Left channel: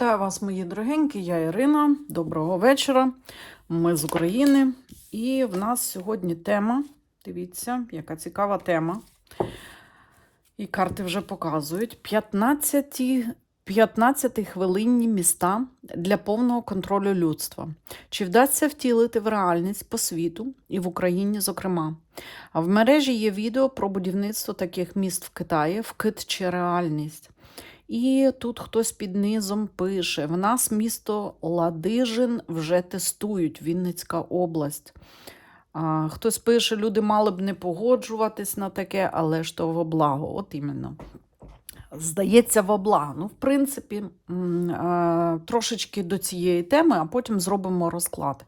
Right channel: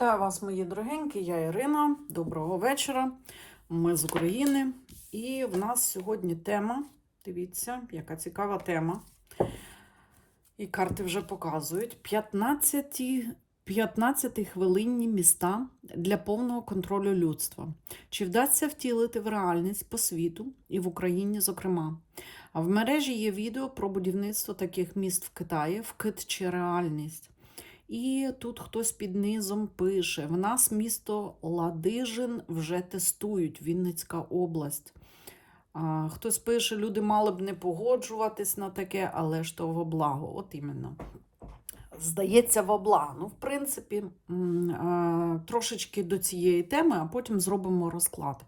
Вітаю вас, мої дорогенькі, я Ірина. Доброго вечора. Ми з України. І в нас сьогодні тема. Дивіться, яка цікава тема. І карти вже показують. 15, 15 хвилинні міста для повного контролю людства. Чи вдасться втілити в реальність по світу і в Україні, зокрема? А в мережі є відео про будівництво таких міст в Китаї, вкид чи реальність. І тут хтось під низом пише: в нас місто Ладижин вже тестують, Вінницька область. А, хтось пише, люди мали б не погоджуватись на таке, але ж то во благо. От іменно. Здається, во благо. Ну, в принципі, е, трошечки до цієї теми, а потім зробимо розклад.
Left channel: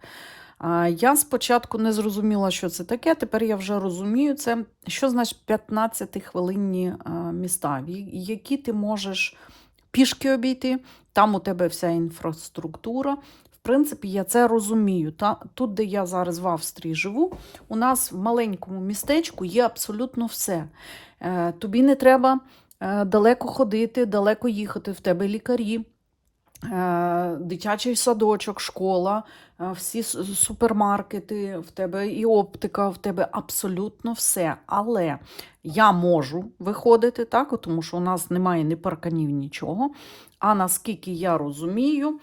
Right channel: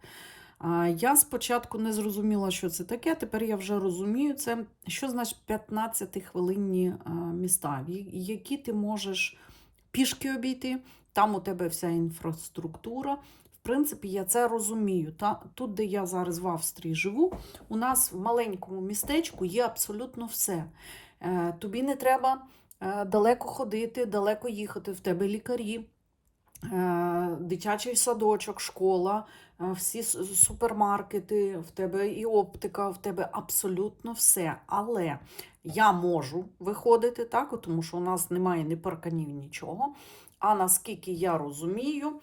Я спочатку не зрозуміла, що це таке. Тепер я вже розумію це. Що значить 15-хвилинні е, міста, які ти можеш пішки обійти, там у тебе вся інфраструктура. В принципі, я це розумію. Та, тут, де я зараз в Австрії живу, у нас в маленькому містечку є абсолютно все. Е, Тобі не треба е, далеко ходити, далеко їхати. В тебе лікарі, е, дитячий садочок, школа, всі супермаркети, в тебе і оптика, в тебе абсолютно все. Але я можу виходити, так, тому що у нас немає ні парканів, нічого. А наскільки я розумію,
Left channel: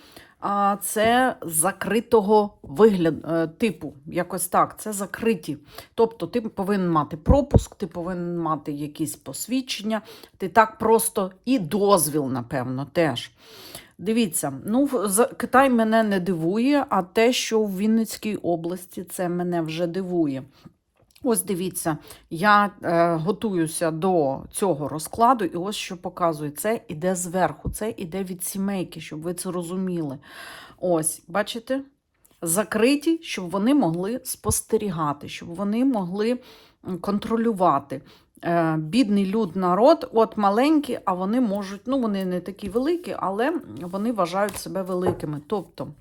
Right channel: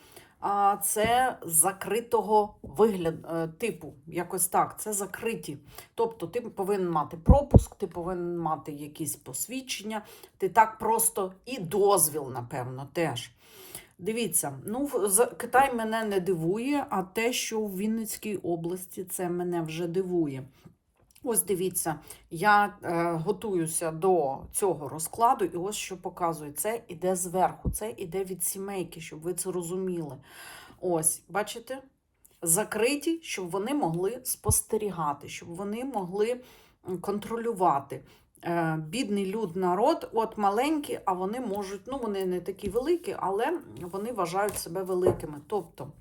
це закритого вигляду типу, якось так, це закриті. Тобто ти повинен мати пропуск, ти повинен мати якісь посвідчення, ти так просто і дозвіл, напевно, теж. Дивіться, ну Китай мене не дивує, а те, що в Вінницькій області, це мене вже дивує. Ось дивіться, я е, готуюся до цього розкладу, і ось що показує. Це іде зверху, це іде від сімейки, щоб ви це розуміли. Ось, бачите? Закриті, щоб вони могли спостерігати, щоб вони могли контролювати. Е, бідний люд народ, от маленькі, а вони можуть, ну вони не такі великі, але вони вважають себе великими. Тобто,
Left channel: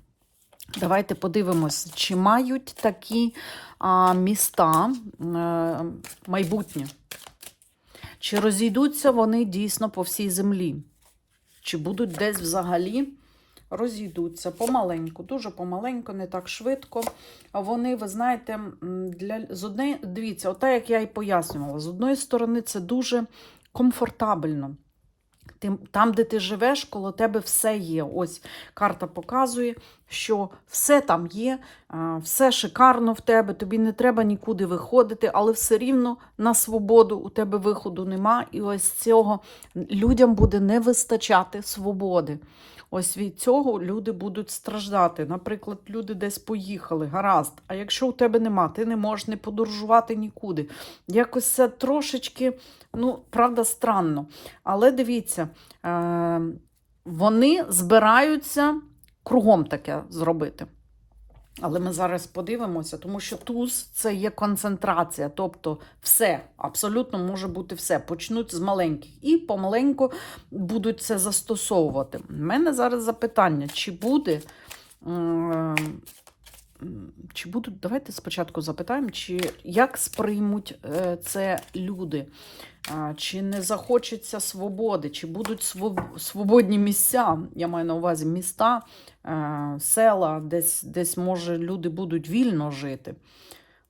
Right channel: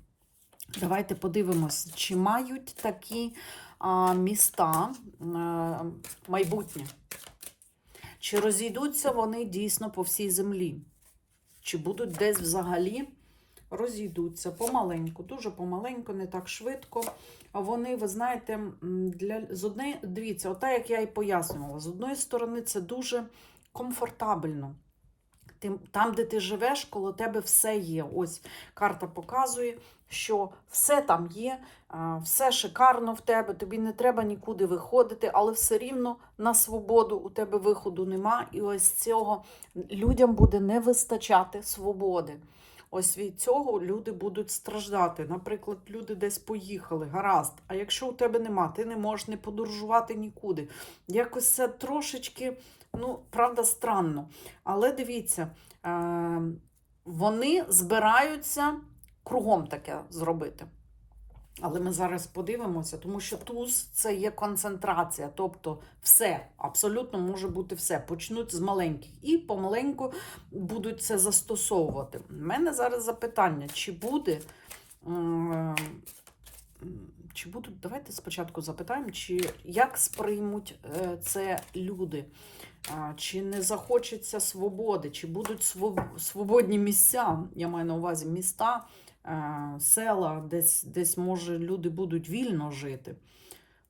давайте подивимось, чи мають такі а, міста е, майбутнє. Чи розійдуться вони дійсно по всій землі? Чи будуть десь взагалі розійдуться помаленьку, дуже помаленьку, не так швидко. Вони, ви знаєте, для з однієї, дивіться, ота, як я і пояснювала, з одної сторони, це дуже комфортабельно. Там, де ти живеш, коло тебе все є. Ось карта показує, що все там є, все шикарно в тебе, тобі не треба нікуди виходити, але все рівно на свободу у тебе виходу нема. І ось цього людям буде не вистачати свободи. Ось від цього люди будуть страждати. Наприклад, люди десь поїхали, гаразд. А якщо у тебе нема, ти не можеш не подорожувати нікуди. Якось це трошечки, ну, правда, странно. Але дивіться, е- вони збираються кругом таке зробити. Але ми зараз подивимося, тому що туз це є концентрація, тобто все, абсолютно може бути все. Почнуть з маленьких і помаленьку будуть це застосовувати. У мене зараз запитання, чи буде. Чи будуть, давайте спочатку запитаємо, чи як сприймуть е, це люди, чи не захочеться свободи, чи будуть свободні місця, я маю на увазі міста, села, десь, десь може люди будуть вільно жити.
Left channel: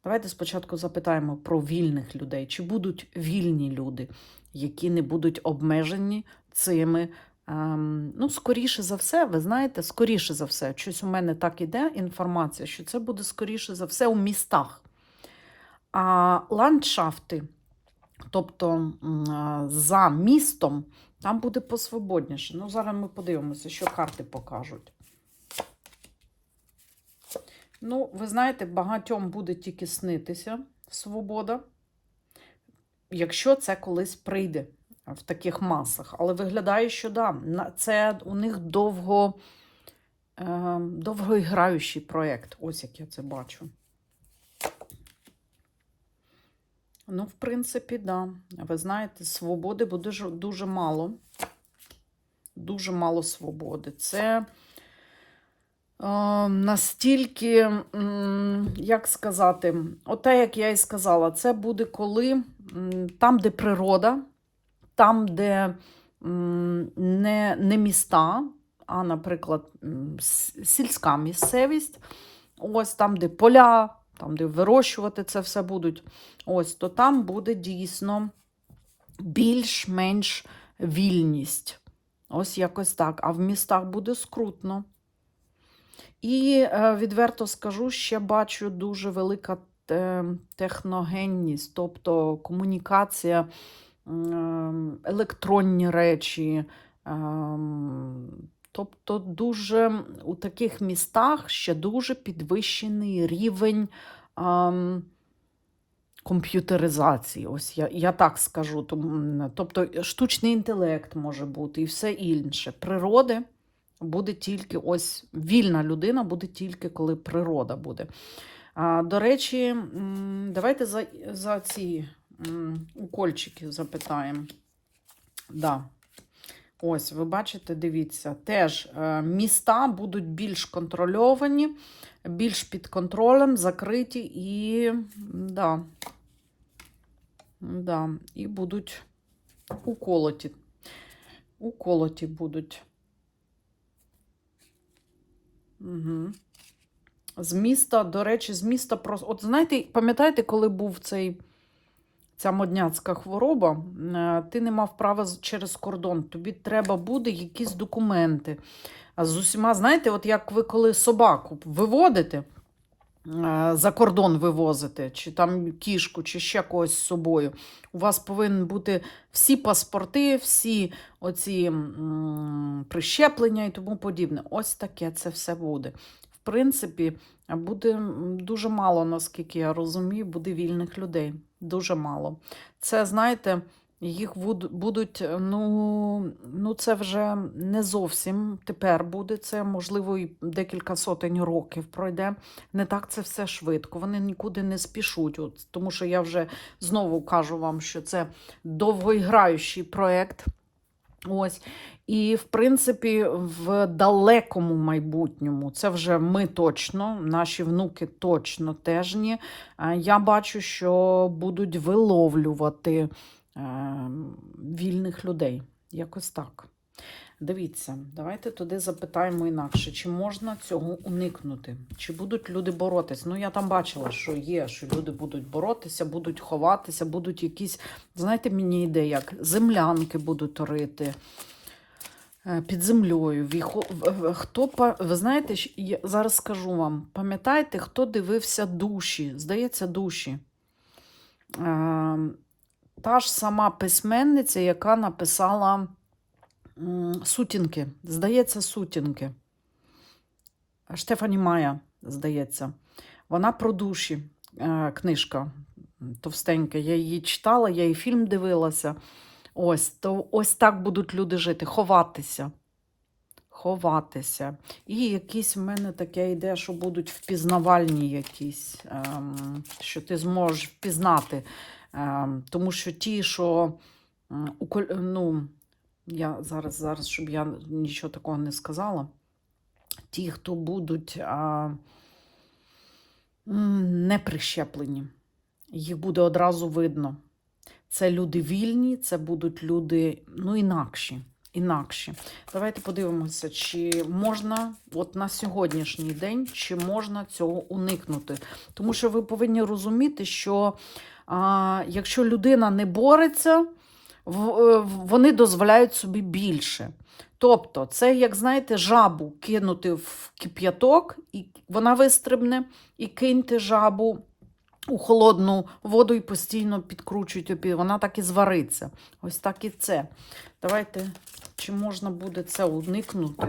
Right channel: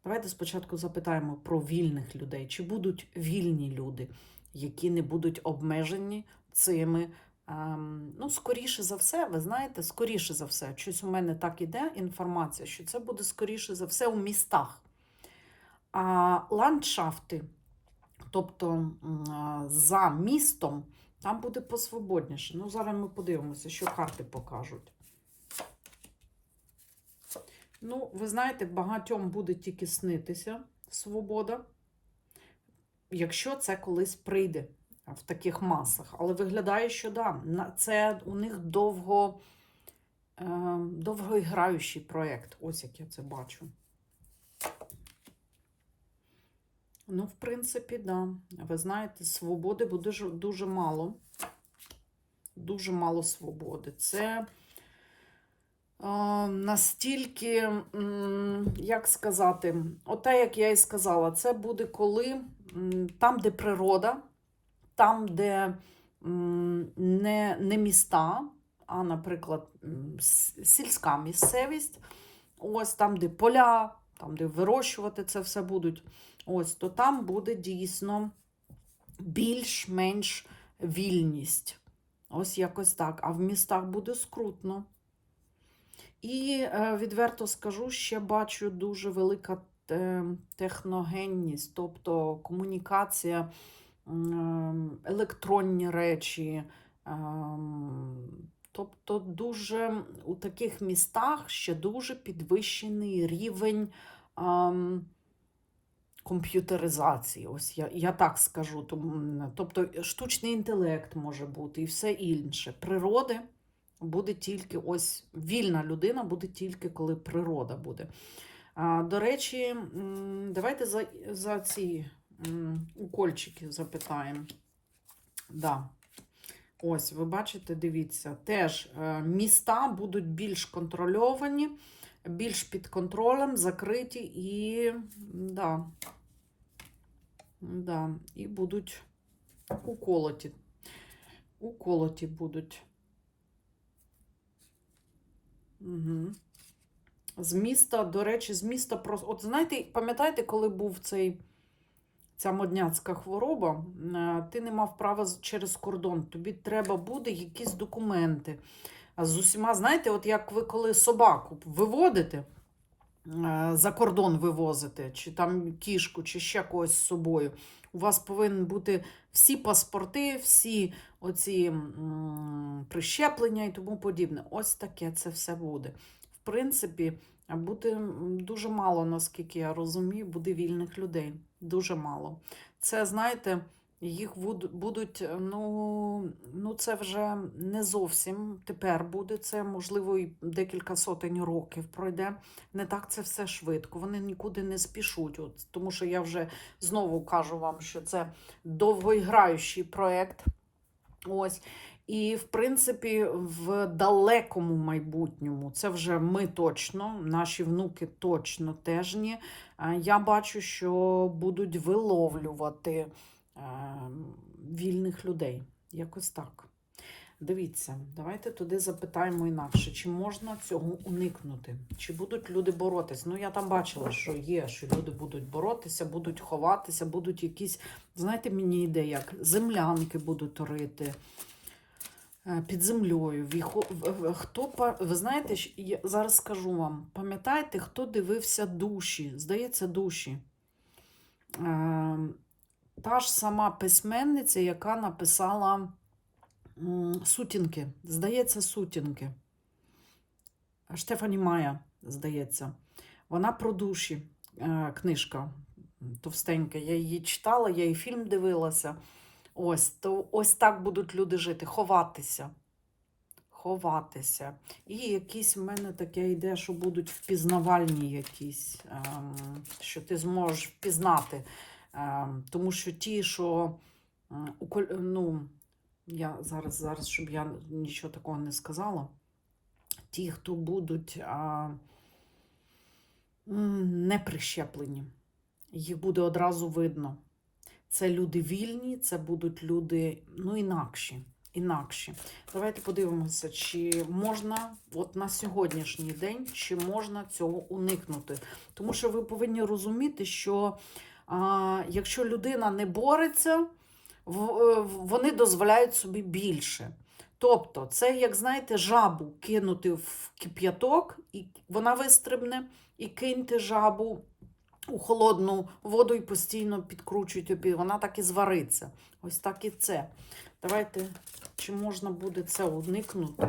Давайте спочатку запитаємо про вільних людей, чи будуть вільні люди, які не будуть обмежені цими. ем, Ну, скоріше за все, ви знаєте, скоріше за все, щось у мене так іде інформація, що це буде скоріше за все у містах. А ландшафти, тобто м, за містом, там буде посвободніше. Ну, зараз ми подивимося, що карти покажуть. Ну, ви знаєте, багатьом буде тільки снитися свобода, якщо це колись прийде в таких масах. Але виглядає, що да, це у них довго, е, довгоіграючий проєкт. Ось як я це бачу. Ну, в принципі, да. Ви знаєте, свободи буде дуже мало. Дуже мало свободи. Це настільки, як сказати, оте, як я і сказала, це буде коли там, де природа, там, де не, не міста, а, наприклад, сільська місцевість, ось там, де поля, там, де вирощувати це все будуть, ось, то там буде дійсно більш-менш вільність. Ось якось так. А в містах буде скрутно. І е, відверто скажу, ще бачу дуже велика е, техногенність, тобто комунікація, електронні речі. ем, Тобто, дуже у таких містах ще дуже підвищений рівень ем, комп'ютеризації. Ось я, я так скажу. Тобто штучний інтелект може бути і все інше. Природи буде тільки ось вільна людина буде тільки коли природа буде. До речі, давайте за, за ці укольчики запитаємо. Да. Ось, ви бачите, дивіться, теж е, міста будуть більш контрольовані, більш під контролем, закриті і, да, да, і будуть уколоті. Уколоті будуть. Угу. З міста, до речі, з міста просто. От знаєте, пам'ятаєте, коли був цей, ця модняцька хвороба, е, ти не мав права через кордон. Тобі треба буде якісь документи. А з усіма, знаєте, от як ви коли собаку виводите, за кордон вивозите, чи там кішку, чи ще когось з собою. У вас повинні бути всі паспорти, всі оці прищеплення і тому подібне. Ось таке це все буде. В принципі, буде дуже мало, наскільки я розумію, буде вільних людей. Дуже мало. Це, знаєте, їх будуть, ну, ну це вже не зовсім тепер буде. Це, можливо, і декілька сотень років пройде. Не так це все швидко. Вони нікуди не спішуть. От, тому що я вже знову кажу вам, що це довгоіграючий проєкт. Ось. І, в принципі, в далекому майбутньому, це вже ми точно, наші внуки точно теж ні. е, Я бачу, що будуть виловлювати е, вільних людей. Якось так. Дивіться, давайте туди запитаємо інакше, чи можна цього уникнути? Чи будуть люди боротись? Ну, я там бачила, що є, що люди будуть боротися, будуть ховатися, будуть якісь, знаєте, мені йде як землянки будуть рити е, під землею. Хто, ви знаєте, я зараз скажу вам, пам'ятаєте, хто дивився душі? Здається, душі. Та ж сама письменниця, яка написала сутінки. Здається, сутінки. Штефані Майя, здається. Вона про душі. е, Книжка товстенька. Я її читала, я і фільм дивилася. Ось, то ось так будуть люди жити, ховатися. Ховатися. І якісь в мене таке йде, що будуть впізнавальні якісь, ем, що ти зможеш впізнати. Ем, тому що ті, що ну, я зараз, зараз, щоб я нічого такого не сказала. Ті, хто будуть не прищеплені, їх буде одразу видно. Це люди вільні, це будуть люди ну, інакші. інакші. Давайте подивимося, чи можна от на сьогоднішній день, чи можна цього уникнути. Тому що ви повинні розуміти, що якщо людина не бореться, е, вони дозволяють собі більше. Тобто, це, як знаєте, жабу кинути в кип'яток, і вона вистрибне, і киньте жабу у холодну воду і постійно підкручуйте, вона так і звариться. Ось так і це. Давайте, чи можна буде це уникнути?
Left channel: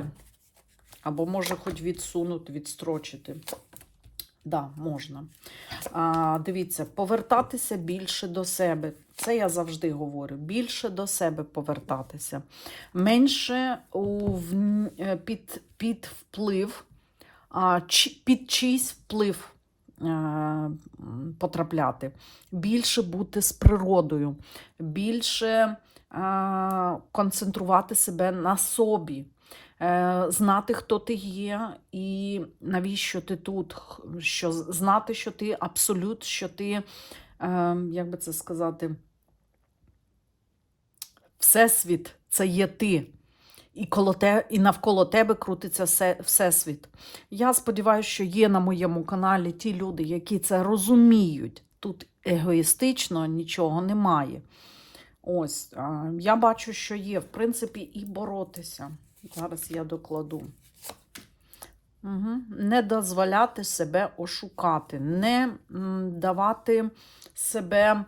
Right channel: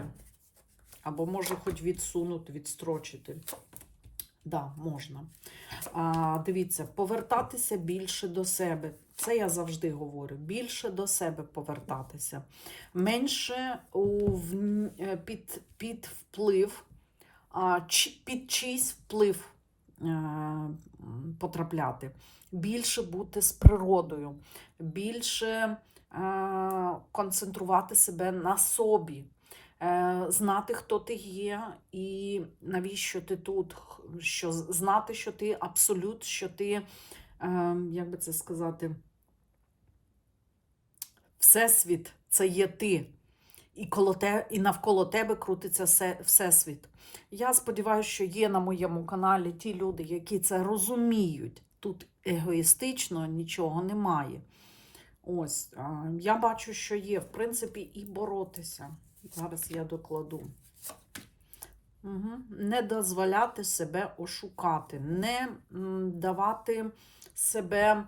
Або може хоч відсунути, відстрочити. Да, можна. А, дивіться, повертатися більше до себе. Це я завжди говорю. Більше до себе повертатися. Менше у, е, під, під вплив, а, під чийсь вплив е, м, потрапляти. Більше бути з природою, більше е, концентрувати себе на собі. Е, Знати, хто ти є, і навіщо ти тут, що знати, що ти абсолют, що ти, е, як би це сказати, Всесвіт це є ти. і, коло те, і навколо тебе крутиться все, всесвіт. Я сподіваюся, що є на моєму каналі ті люди, які це розуміють. Тут егоїстично нічого немає. Ось, я бачу, що є, в принципі, і боротися. Зараз я докладу. Угу. Не дозволяти себе ошукати, не давати себе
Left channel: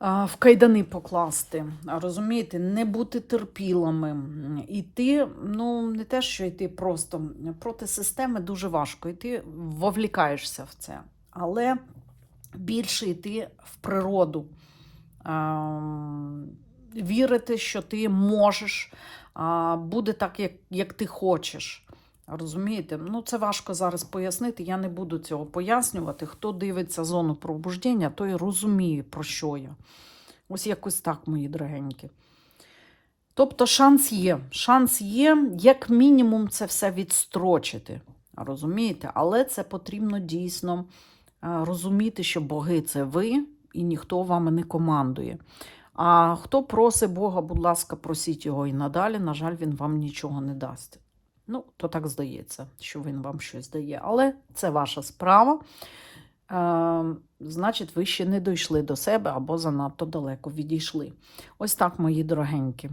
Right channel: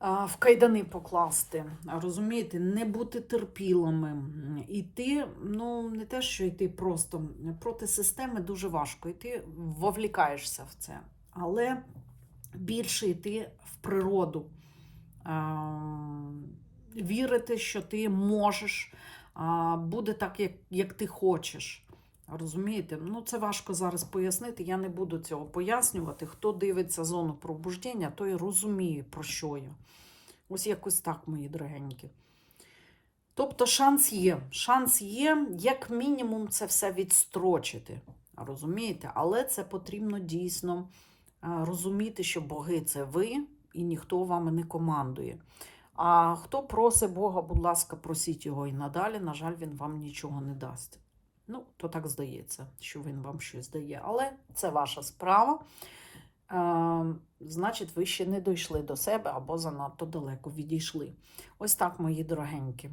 в кайдани покласти. Розумієте, не бути терпілими. Іти, ну, не те, що йти просто проти системи дуже важко. І ти вовлікаєшся в це. Але більше йти в природу. Вірити, що ти можеш, буде так, як, як ти хочеш. Розумієте? Ну, це важко зараз пояснити. Я не буду цього пояснювати. Хто дивиться зону пробуждення, той розуміє, про що я. Ось якось так, мої дорогенькі. Тобто, шанс є. Шанс є, як мінімум, це все відстрочити. Розумієте? Але це потрібно дійсно е, розуміти, що боги це ви, і ніхто вами не командує. А хто просить Бога, будь ласка, просіть його і надалі. На жаль, він вам нічого не дасть. Ну, то так здається, що він вам щось дає. Але це ваша справа. Е, значить, ви ще не дійшли до себе або занадто далеко відійшли. Ось так, мої дорогенькі.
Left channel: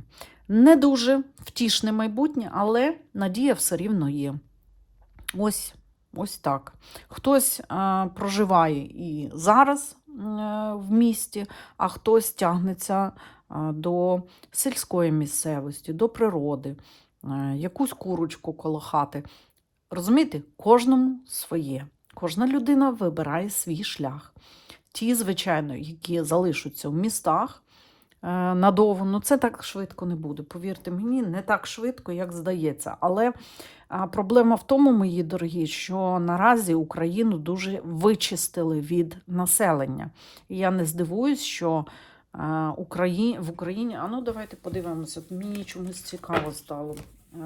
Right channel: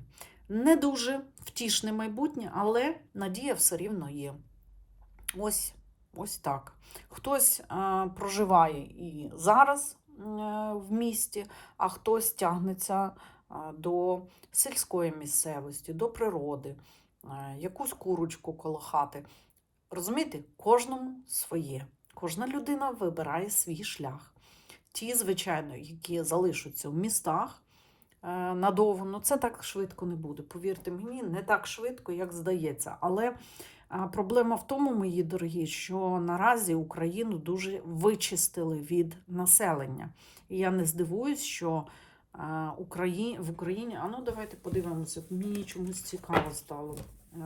Не дуже втішне майбутнє, але надія все рівно є. Ось, ось так. Хтось е, проживає і зараз в місті, а хтось тягнеться е, до сільської місцевості, до природи, е, якусь курочку коло хати. Розумієте, кожному своє. Кожна людина вибирає свій шлях. Ті, звичайно, які залишаться в містах е, надовго, ну це так швидко не буде. Повірте мені, не так швидко, як здається. Але проблема в тому, мої дорогі, що наразі Україну дуже вичистили від населення. І я не здивуюсь, що в Україні. А ну давайте подивимося. Мені чомусь цікаво стало. Е,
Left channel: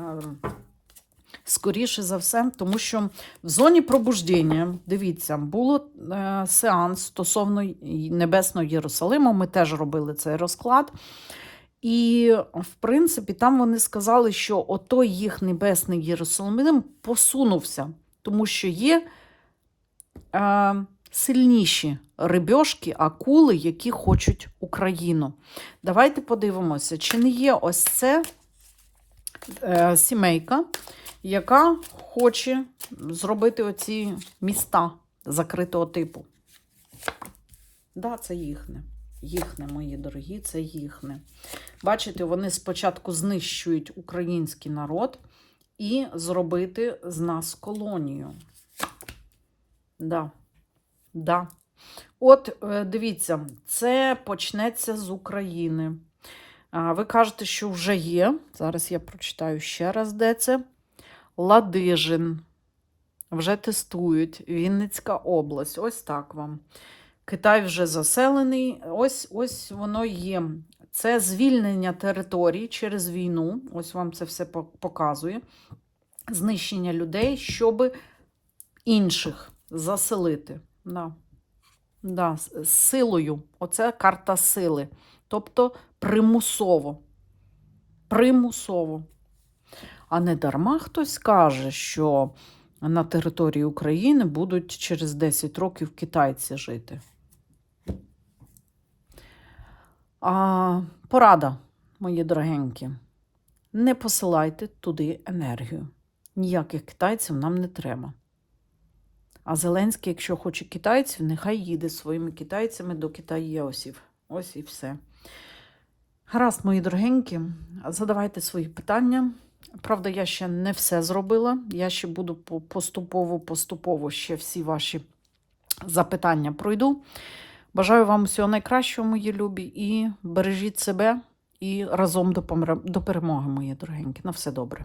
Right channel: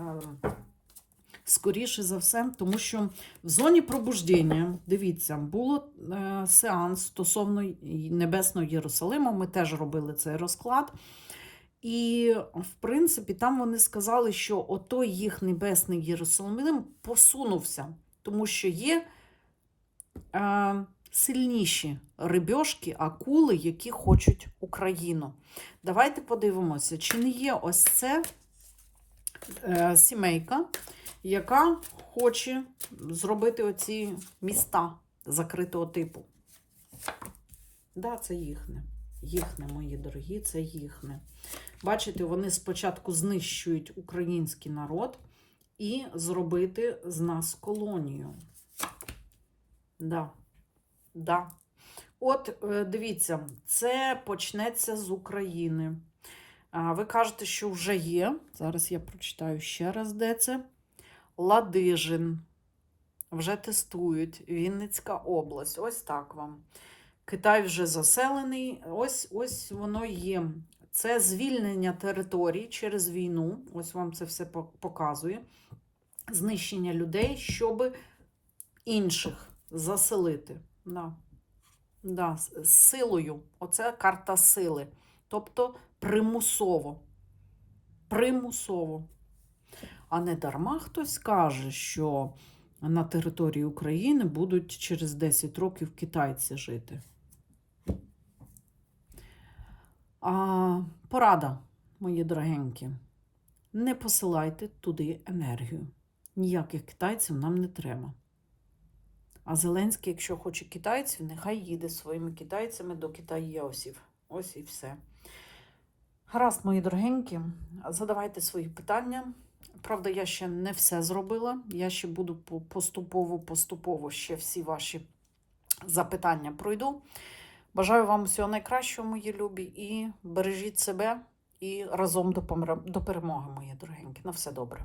Скоріше за все, тому що в зоні пробуждення, дивіться, було е, сеанс стосовно Небесного Єрусалиму. Ми теж робили цей розклад. І, в принципі, там вони сказали, що отой їх небесний Єрусалим посунувся, тому що є е, сильніші рибьошки, акули, які хочуть Україну. Давайте подивимося, чи не є ось це е, сімейка, яка хоче зробити оці міста закритого типу. Да, це їхне. Їхне, мої дорогі, це їхне. Бачите, вони спочатку знищують український народ і зробити з нас колонію. Да. Да. От, е, дивіться, це почнеться з України. Ви кажете, що вже є. Зараз я прочитаю ще раз, де це. Ладижин. Вже тестують. Вінницька область. Ось так вам. Китай вже заселений. Ось ось воно є. Це звільнення територій через війну. Ось вам це все показує. Знищення людей, щоб інших заселити. Да. Да, силою. Оце карта сили. Тобто примусово. Примусово. А не дарма хтось каже, що на території України будуть через 10 років китайці жити. А, порада, мої дорогенькі. Не посилайте туди енергію. Ніяких китайців нам не треба. А Зеленський, якщо хоче китайців, нехай їде своїми китайцями до китаєосів. Ось і все. Гаразд, мої дорогенькі, задавайте свої питання. Правда, я ще не все зробила. Я ще буду поступово-поступово ще всі ваші запитання пройду. Бажаю вам всього найкращого, мої любі, і бережіть себе і разом до перемоги, мої дорогенькі. На все добре.